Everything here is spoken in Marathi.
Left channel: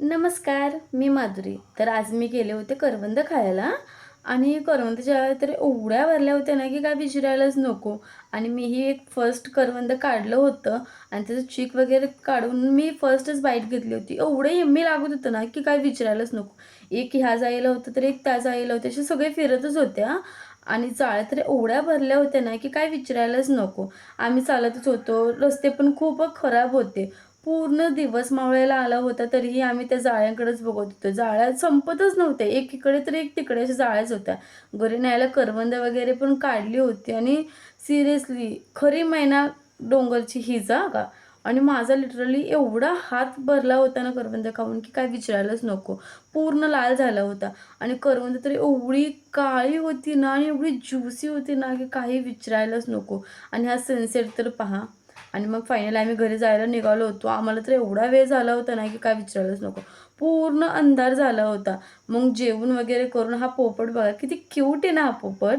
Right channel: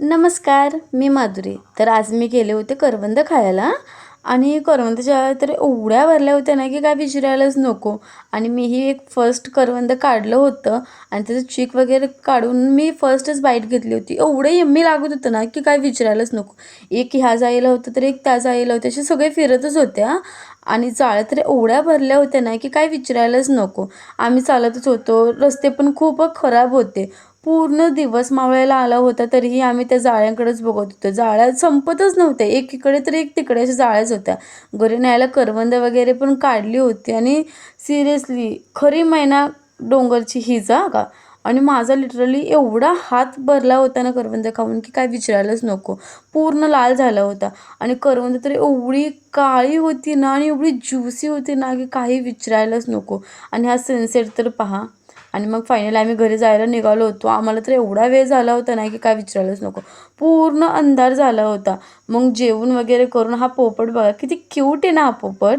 नमस्कार, मी माधुरी. तर आज मी गेले होते करवंद खायला आणि करवंदाच्या तर एवढ्या भरल्या होत्या ना, की काय विचारायलाच नको. आणि मीही एक फर्स्ट करवंद काढलं होतं आणि त्याचं चीक वगैरे काढून मी फर्स्टच बाईट घेतली होती. एवढं यम्मी लागत होतं ना, की काय विचारायलाच नको. एक ह्या जाळीला होतं, तर एक त्या जाळीला होतं. असे सगळे फिरतच होत्या आणि जाळ्या तर एवढ्या भरल्या होत्या ना, की काय विचारायलाच नको. आम्ही चालतच होतो. रस्ते पण खूप खराब होते. पूर्ण दिवस मावळायला आला होता, तरीही आम्ही त्या जाळ्यांकडेच बघत होतो. जाळ्या संपतच नव्हत्या. एक इकडे तर एक तिकडे अशा जाळ्याच होत्या. घरी न्यायला करवंद वगैरे पण काढली होती आणि सिरियसली खरी मैना डोंगरची हीच हां का. आणि माझा लिटरली एवढा हात भरला होता ना करवंद खाऊन, की काय विचारायलाच नको. पूर्ण लाल झाला होता आणि करवंद तर एवढी काळी होती ना आणि एवढी ज्युसी होती ना, की काही विचारायलाच नको. आणि हा सनसेट तर पहा. आणि मग फायनली आम्ही घरी जायला निघालो होतो. आम्हाला तर एवढा वेळ झाला होता ना, की काय विचारायलाच नको. पूर्ण अंधार झाला होता. मग जेवण वगैरे करून हा पोपट बघा किती क्यूट आहे ना हा पोपट.